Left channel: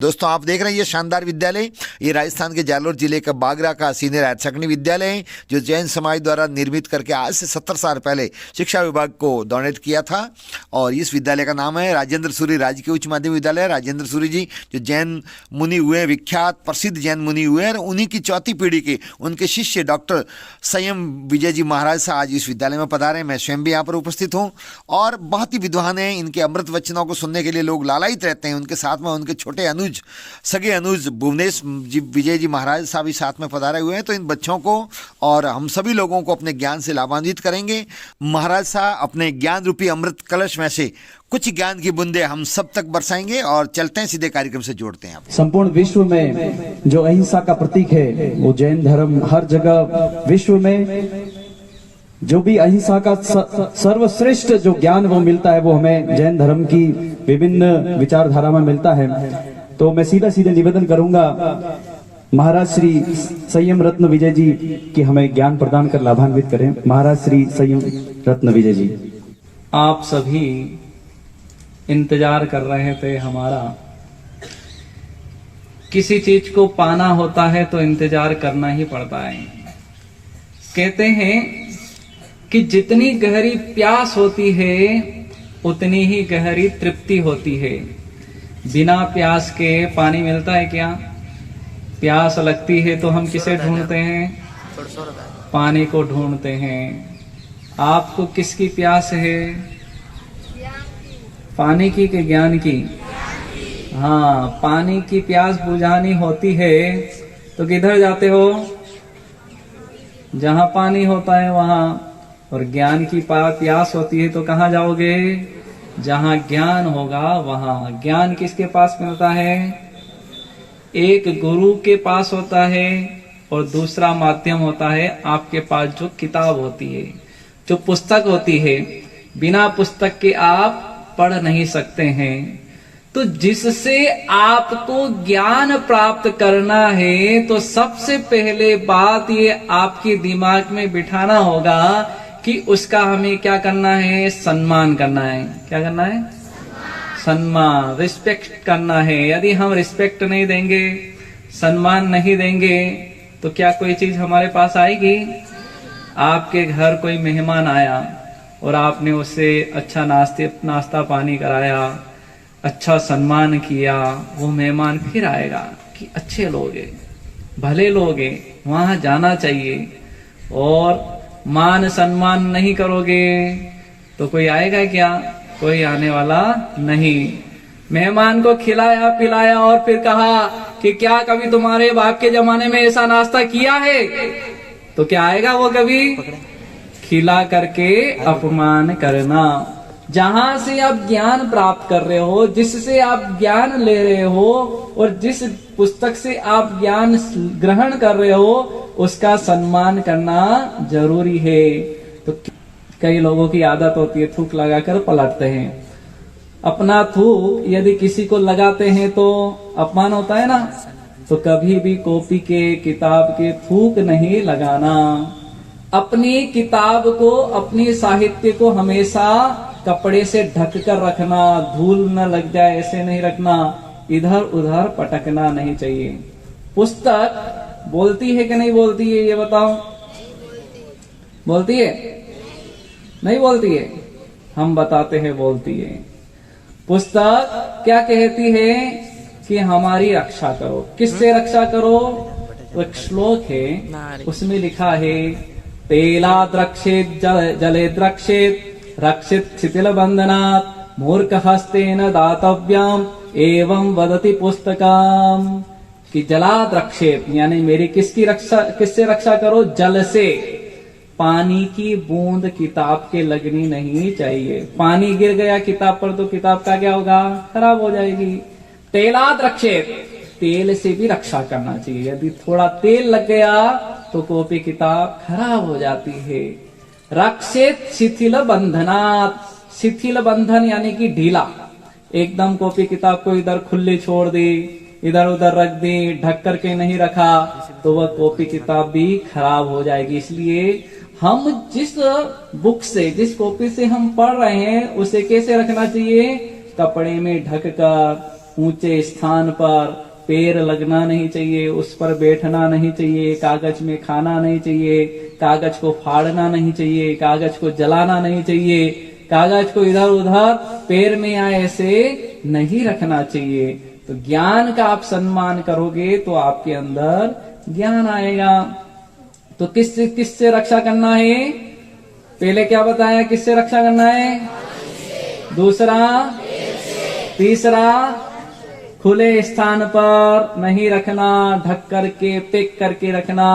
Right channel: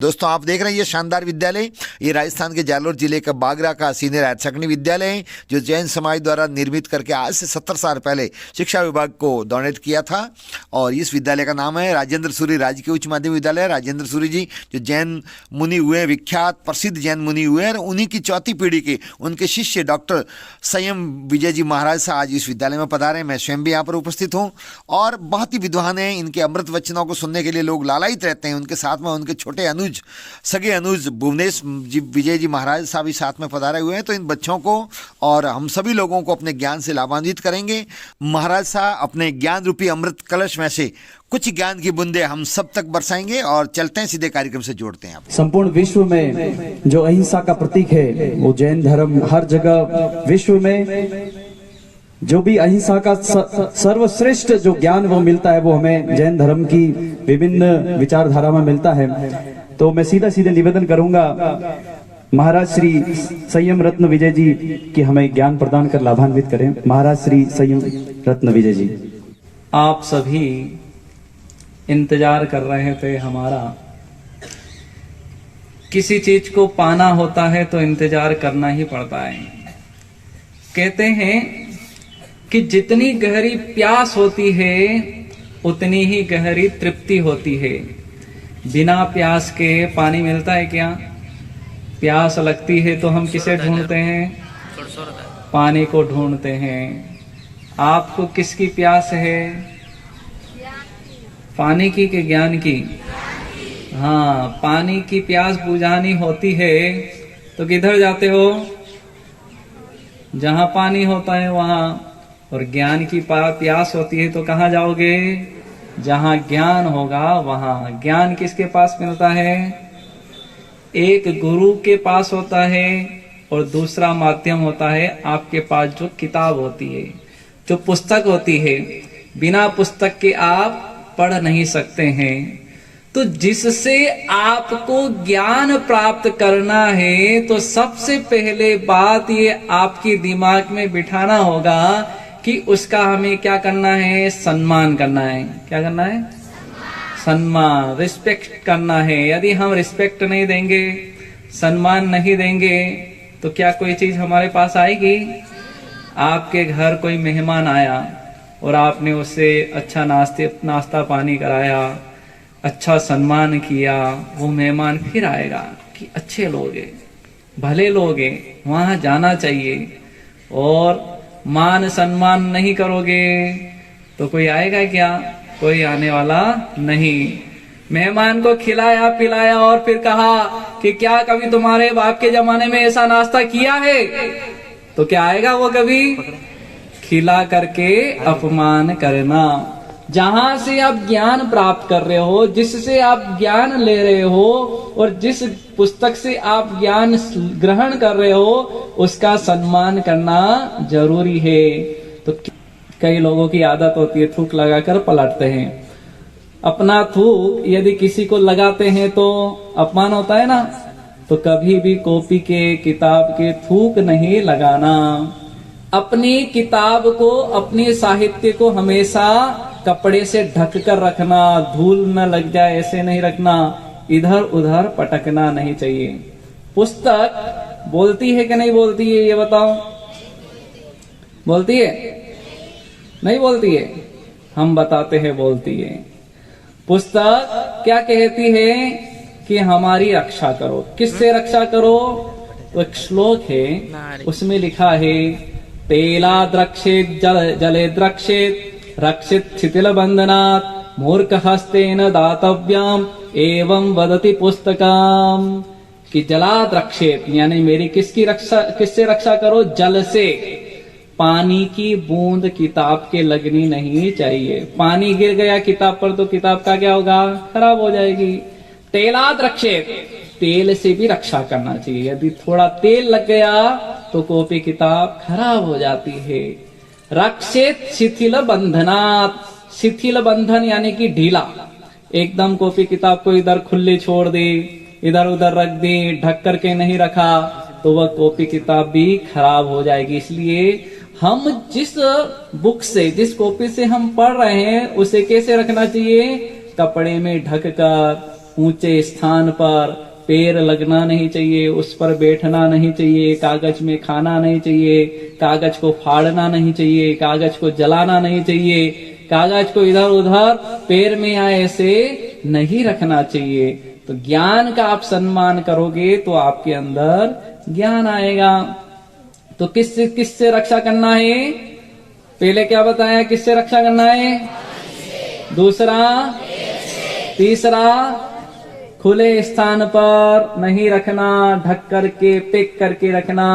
दोस्तों आप देख रहे हैं ये शानदार विद्यालय, ये राजस्थान के जालोर जिले का बागरा का सीनियर हायर सेकेंडरी विद्यालय है जो जैन समाज द्वारा निर्मित करके आज से 70 साल पहले शिक्षा विभाग को डोनेट किया था। और इस विद्यालय का नाम है राजेंद्र सूरी राजकीय उच्च माध्यमिक विद्यालय। राजेंद्र सूरी जी जो जैन मुनि हुए, विख्यात प्रसिद्ध जैन मुनि हुए, और उन्हीं की चौथी पीढ़ी के उनके शिष्य डॉक्टर संयम विजय जी महाराज से आज इस विद्यालय में पधारे। मैं स्वयं भी यहाँ पर उपस्थित हूँ और बहुत ही विद्वान हैं। इनके अमृत वचनों को सुनने के लिए लोग लालायित रहते हैं। उनके साथ में उनके छोटे अनुज, सगे अनुज भुवनेश जी विजय जी महाराज साहब भी साथ में पधारे हुए हैं। तो इन बच्चों को और हम सभी लोगों को अपने ज्ञान से लाभान्वित करेंगे। महाराज साहब अपने ज्ञान रूपी अमृत कलश में से कुछ ज्ञान की बूंदे हम सब तक बरसाएंगे और चलते हैं सीधे कार्यक्रम से जोड़ते हैं आप। संपूर्ण विश्व में जो अहिंसा का प्रतीक है वो जैन धर्म हर जगह विश्व में जो भी अहिंसा का सर्वश्रेष्ठ जो ज्ञान वो मिलता है वो हमें जैन धर्म की विभिन्न विचारधारा में मिलता है। तो मैं सीधा सीधे निवेदन करूंगा महाराज श्री संयम रत्न विजय जी की हमें ज्ञान प्रदान कर लाभान्वित करें। महाराज श्री संयम रत्न विजय जी। आप सभी इंतजार कर रहे थे हमारा। किसी चीज को पाना होता है तो इंतजार करना ही पड़ता है। कहते हैं कि जितनी गहरी प्यास होती है उतनी ही गहरी तृप्ति होती है। बिना प्यास के पानी मिलता है क्या? प्यास लगती है तो हम किसे ढूंढते हैं? पानी को ढूंढते हैं। आपको किसकी प्यास है? पानी की कि ज्ञान की? हाँ, पानी की प्यास बुझानी होती है तो किधर जाते हो? जहां पानी होता है वहां। और ज्ञान की प्यास होती है तो कहाँ जाओगे? जहां ज्ञान होगा वहां। ज्ञान किसके पास मिलता है? एक गुरु के पास होता है और दूसरा माध्यम होता है आपके पास जो किताब होती है, जो पुस्तक होती है। बिना पुस्तक के आप पढ़ नहीं सकते हैं। तो जिससे आपको ज्ञान प्राप्त करना है तो सबसे पहले बात ये आपके दिमाग में बिठाना होगा कि उसका हमें क्या करना है? सम्मान करना है। क्या करना है? सम्मान, रिस्पेक्ट करना है। यदि हम रिस्पेक्ट नहीं देंगे, सम्मान नहीं देंगे तो क्या कोई चीज हमारे पास आएगी? आपके घर कोई मेहमान आया और आपने उससे अच्छा नाश्ता पानी कराया, अच्छा सम्मान किया, वो मेहमान फिर आएगा कि अच्छे लोग हैं, भले लोग हैं, वहां जाना चाहिए। और मान सम्मान नहीं करोगे तो कोई आएगा क्या? कोई आने वाला नहीं। मेहमान को खिलाया पिलाया और फिर कहा कि क्या कभी तुम्हारे बाप के जमाने में ऐसा नाश्ता किया है? तो क्या आएगा वो कभी? खिला करके अपमान करना। जहां से आप ज्ञान प्राप्त कर रहे हो, जिससे आप ज्ञान ले रहे हो और जिस पुस्तक से आप ज्ञान ग्रहण कर रहे हो उसका सम्मान करना जरूरी है। तो कई लोगों की आदत होती है थूक लगाकर पलटते हैं। अपना थूक यदि किसी को लगाते हैं तो अपमान होता है ना। तो कभी भी कॉपी के, किताब के थूक नहीं लगाना। अपनी किताब को, अपने साहित्य को हमेशा कपड़े से ढक कर रखना, धूल न लग जाए ऐसे नहीं रखना, इधर उधर पटकना नहीं चाहिए। पुस्तक बोलती है कि नहीं बोलती है? ये बताओ। बोलती है? नहीं बोलती है? हम बताते हैं बोलती है। पुस्तक क्या कहती है? कि हमारी रक्षा करो। किससे रक्षा करो? तो एक श्लोक है, उसमें लिखा है तेला द्रक्षेत जले द्रक्षेत रक्षित शिथिल बंधनात् मूर्ख हस्तेन दातव्यम एवं वदति पुस्तकम। कि जला द्रक्षेत यानी मेरी किससे रक्षा करो? जल से। पानी की बूंद किताब के लगनी नहीं चाहिए। पानी गिर गया किताब पर तो किताब का क्या होगा? खराब हो जाएगी। तेलाद रक्षेत, तेल से भी रक्षा करना चाहिए। यदि थोड़ा तेल लग गया तो कॉपी किताब खराब हो जाती है। रक्षित शिथिल बंधनात्, शिथिल बंधन यानी कि ढीला। एकदम कॉपी किताब को इधर खुले छोड़ दी, इधर उधर रख दी, ढक करके नहीं रखा तो वह कॉपी किताब भी खराब हो जाएगी। इसलिए हम जिस बुक से, जिस कॉपी से हम पढ़ रहे हैं उसे कैसे रखना चाहिए? कपड़े में ढक कर, ऊंचे स्थान पर पैर लगना नहीं चाहिए, उस पर बैठना नहीं चाहिए, कागज में खाना नहीं चाहिए, कागज को फाड़ना नहीं चाहिए, कागज को जलाना नहीं चाहिए, कागज को इधर उधर पैर में आए ऐसे नहीं रखना चाहिए। तो ज्ञान का आप सम्मान करोगे तो आपके अंदर ज्ञान आएगा। तो किससे रक्षा करना है? पहले क्या बताया, किससे रक्षा करना है? दूसरा, तीसरा, खुले स्थान पर नहीं रखना, ढक करके पैक करके रखना।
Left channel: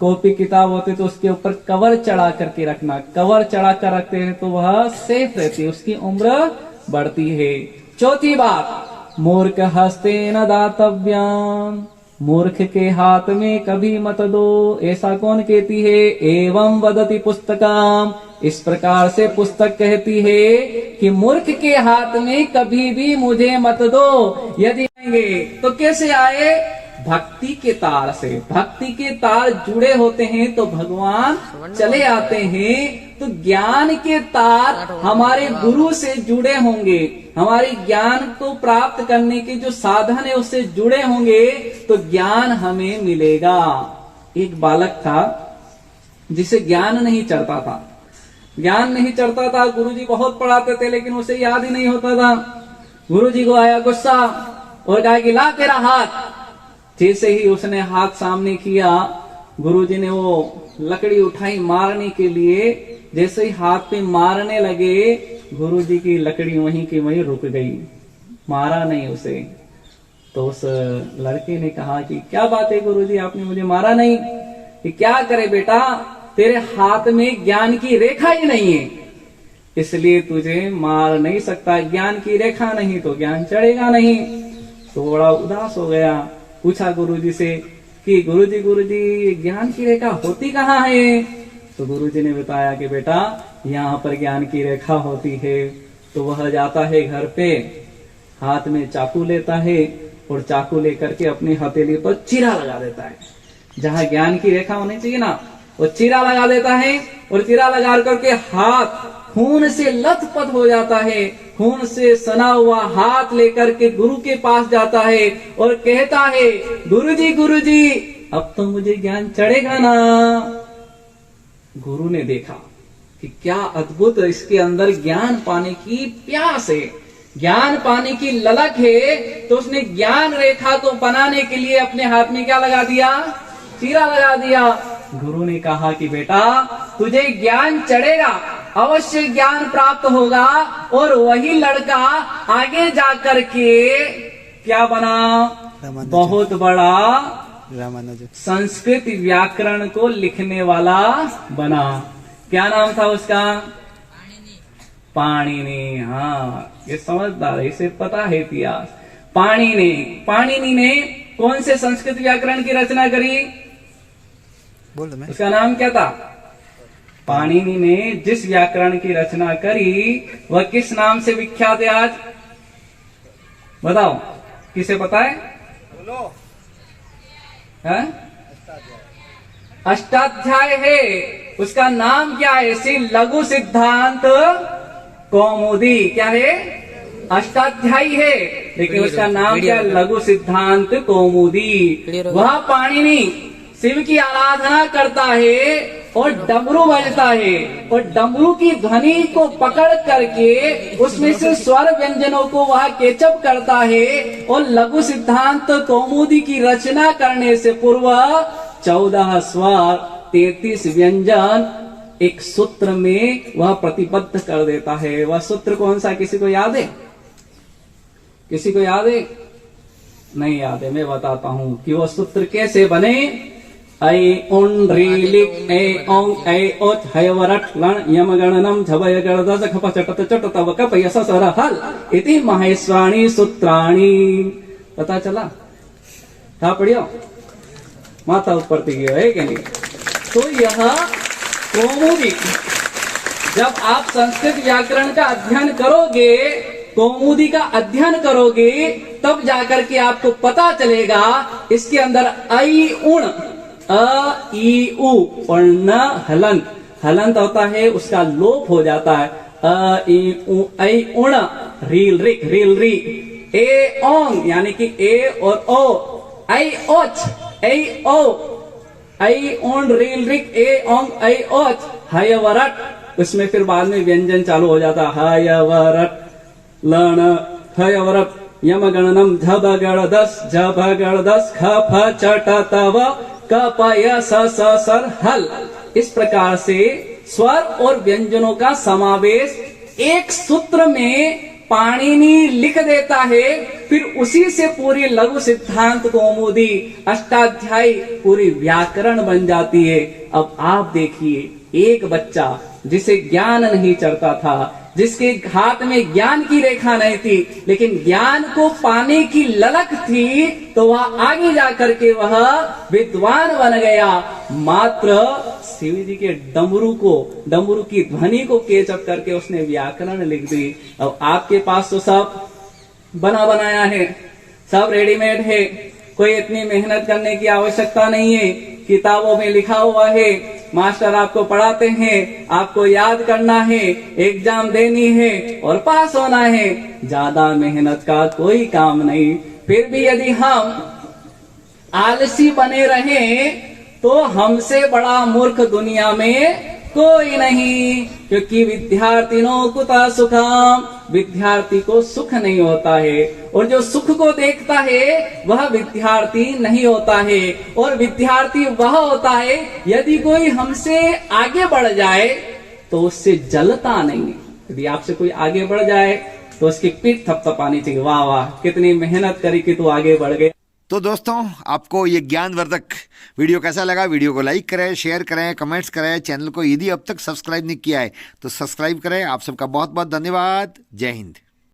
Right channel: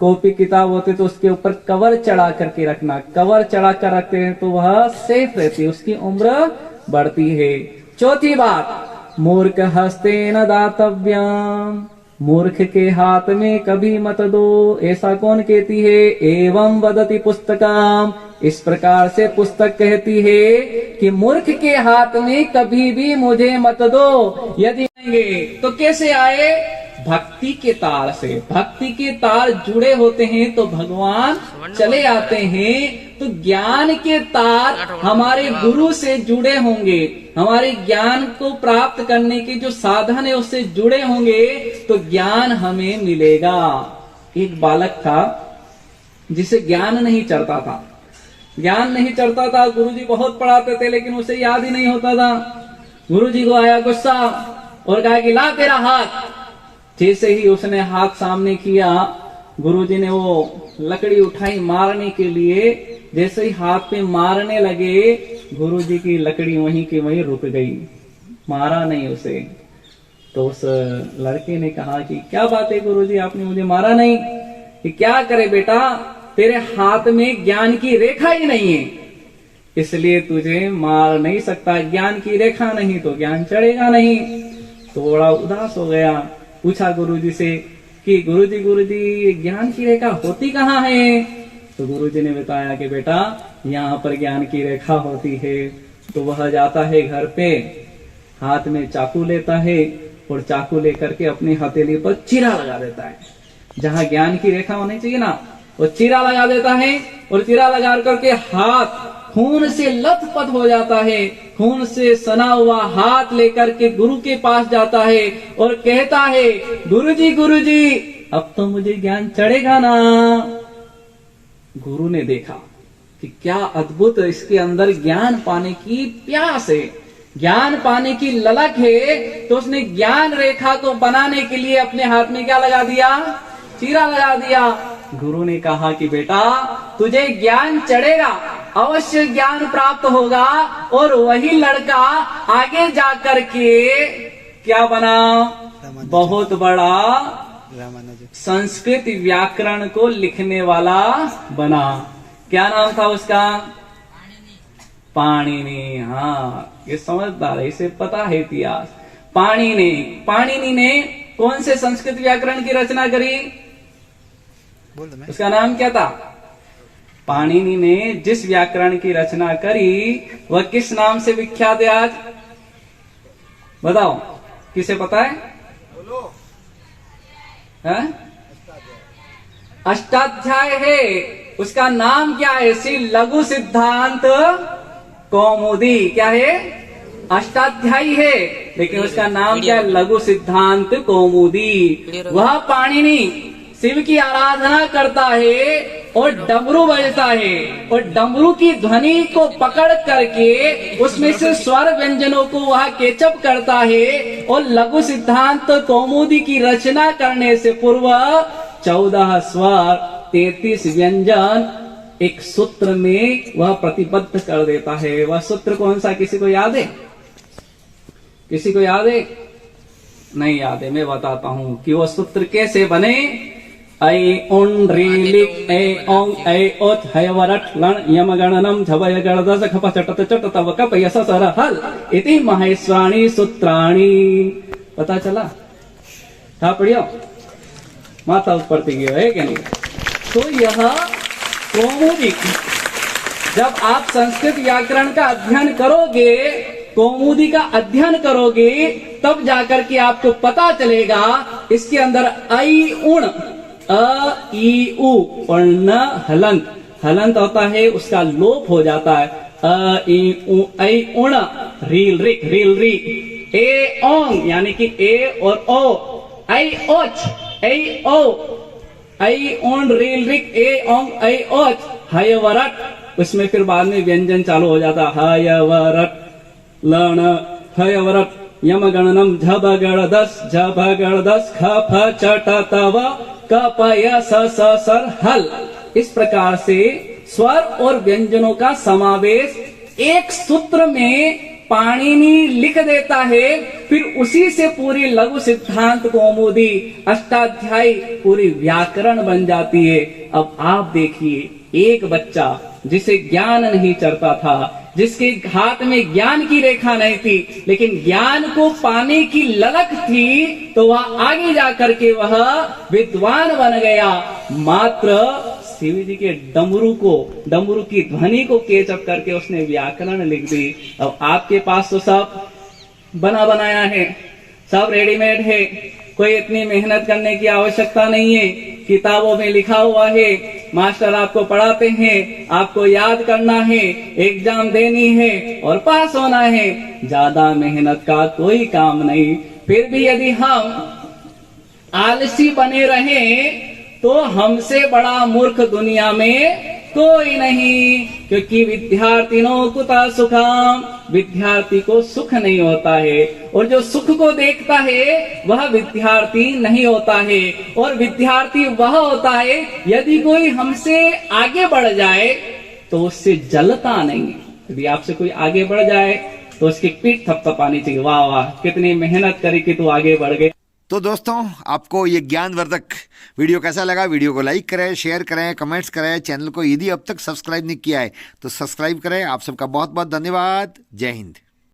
कॉपी किताब होती तो उसके ऊपर कवर चढ़ा करके रखना। कवर चढ़ा कर रखते हैं तो वह सेफ रहती है, उसकी उम्र बढ़ती है। चौथी बात, मूर्ख हस्ते न दातव्यम, मूर्ख के हाथ में कभी मत दो। ऐसा कौन कहती है? एवं वदति पुस्तकम, इस प्रकार से पुस्तक कहती है कि मूर्ख के हाथ में कभी भी मुझे मत दो। यदि आएंगे तो कैसे आए? भक्ति के तार से। भक्ति के तार जुड़े होते हैं तो भगवान चले आते हैं। तो ज्ञान के तार हमारे गुरु से जुड़े होंगे, हमारे ज्ञान को प्राप्त करने के जो साधन है उससे जुड़े होंगे तो ज्ञान हमें मिलेगा। एक बालक था जिसे ज्ञान नहीं चढ़ता था, ज्ञान नहीं चढ़ता था। गुरुजी बहुत पढ़ाते थे लेकिन उसे याद ही नहीं होता था। गुरुजी को आया गुस्सा और कहा कि ला तेरा हाथ। जैसे ही उसने हाथ सामने किया, गुरुजी ने वो लकड़ी उठाई मारने के लिए। जैसे ही हाथ पे मारने लगे, गुरुजी की लकड़ी वहीं की वहीं रुक गई, मारा नहीं उसे। तो उस लड़के ने कहा कि क्या बात है गुरुजी, आपने मुझे मारा नहीं। कि क्या करे बेटा, तेरे हाथ में ज्ञान की रेखा ही नहीं है, इसलिए तुझे मार नहीं सकता। ज्ञान की रेखा नहीं तो ज्ञान चढ़ेगा नहीं। तो बड़ा उदास हो गया, पूछा गुरुजी से कि गुरुजी ज्ञान की रेखा होती कहाँ है? तो गुरुजी ने बताया कि बेटा यहाँ पर ज्ञान की रेखा होती है। तो वह जाता है घर पे, हाथ में चाकू लेता है और चाकू लेकर के अपनी हथेली पर चीरा लगा देता है। जहाँ ज्ञान की रेखा होनी चाहिए ना, वो चीरा लगा देता है और चीरा लगा करके हाथ खून से लथपथ हो जाता है। खून से सना हुआ हाथ लेकर के गुरु के पास जाता है और कहता है, गुरुजी अब तो मुझे ज्ञान चढ़ेगा ना। गुरु ने देखा कि क्या अद्भुत, इसके अंदर ज्ञान पाने की प्यास है, ज्ञान पाने की ललक है। तो उसने ज्ञान रेखा को बनाने के लिए अपने हाथ में क्या लगा दिया? चीरा लगा दिया। गुरु ने कहा कि बेटा तुझे ज्ञान चढ़ेगा, अवश्य ज्ञान प्राप्त होगा। और वही लड़का आगे जाकर के क्या बना? बहुत बड़ा संस्कृत व्याकरण को लिखने वाला बना। क्या नाम था उसका? पाणिनि। हाँ, ये समझदार है, इसे पता है इतिहास। पाणिनि ने कौन से संस्कृत व्याकरण की रचना करी? उसका नाम क्या था? पाणिनि ने जिस व्याकरण की रचना करी वह किस नाम से विख्यात है आज? बताओ, किसे पता है? अष्टाध्याय है। उसका नाम क्या है? श्री लघु सिद्धांत कौमुदी। क्या है? अष्टाध्यायी है, लेकिन उसका नाम क्या है? लघु सिद्धांत कौमुदी। वह पाणिनि शिव की आराधना करता है और डमरू बजता है और डमरू की ध्वनि को पकड़ करके उसमें से स्वर व्यंजनों को वह केचप करता है। और लघु सिद्धांत कौमुदी की रचना करने से पूर्व 14 स्वर 33 व्यंजन एक सूत्र में वह प्रतिबद्ध कर देता है। वह सूत्र कौन सा? किसी को याद है? किसी को याद है? नहीं याद है, मैं बताता हूँ कि वह सूत्र कैसे बने। ऐ उन री लिक ए औ ऐ ओत है वरट लण यम गणनम झवय गणदस खप चटत चटत वकप यस सर हल इति महेश्वाणी सूत्राणी। पता चला था? पढ़ियो, माथा ऊपर गया है कि नहीं? तो यह कौमुदी, जब आप संस्कृत व्याकरण का अध्ययन करोगे, कौमुदी का अध्ययन करोगे, तब जाकर के आपको पता चलेगा इसके अंदर ऐ उण अ ई उ और न हलंत, हलंत होता है उसका लोप हो जाता है। अ ई उ ऐ उण रील रिक रील री ए ओंग यानी कि ए और ओ, ऐ ओच, ऐ ओ, ऐ ओन रील रिक, ए ओंग ऐ ओच, हयवरट। उसमें फिर बाद में व्यंजन चालू हो जाता, हयवरट, लण, हयवरट, यमगणनम, झबगणदस, झबगणदस, ख फ चट तव, क प य स स सर हल। इस प्रकार से स्वर और व्यंजनों का समावेश एक सूत्र में पाणिनि लिख देता है, फिर उसी से पूरी लघु सिद्धांत कौमुदी अष्टाध्यायी पूरी व्याकरण बन जाती है। अब आप देखिए, एक बच्चा जिसे ज्ञान नहीं चढ़ता था, जिसके हाथ में ज्ञान की रेखा नहीं थी, लेकिन ज्ञान को पाने की ललक थी, तो वह आगे जाकर के वह विद्वान बन गया। मात्र शिव जी के डमरू की ध्वनि को केचप करके उसने व्याकरण लिख दी। अब आपके पास तो सब बना बनाया है, सब रेडीमेड है, कोई इतनी मेहनत करने की आवश्यकता नहीं है। किताबों में लिखा हुआ है, मास्टर आपको पढ़ाते हैं, आपको याद करना है, एग्जाम देनी है और पास होना है। ज्यादा मेहनत का कोई काम नहीं। फिर भी यदि हम आलसी बने रहें तो हमसे बड़ा मूर्ख दुनिया में कोई नहीं, क्योंकि विद्यार्थिनों कुतः सुखम, विद्यार्थी को सुख नहीं होता है, और जो सुख को देखता है वह विद्यार्थी नहीं होता है। और विद्यार्थी वह होता है यदि कोई हमसे आगे बढ़ जाए तो उससे जलता नहीं। यदि आपसे कोई आगे बढ़ जाए तो उसकी पीठ थपथपानी चाहिए, वाह वाह कितनी मेहनत करी कि तू आगे बढ़ गए। तो दोस्तों, आपको ये ज्ञानवर्धक वीडियो कैसा लगा? वीडियो को लाइक करें, शेयर करें, कमेंट्स करें। चैनल को यदि अब तक सब्सक्राइब नहीं किया है तो सब्सक्राइब करें। आप सबका बहुत बहुत धन्यवाद। जय हिंद।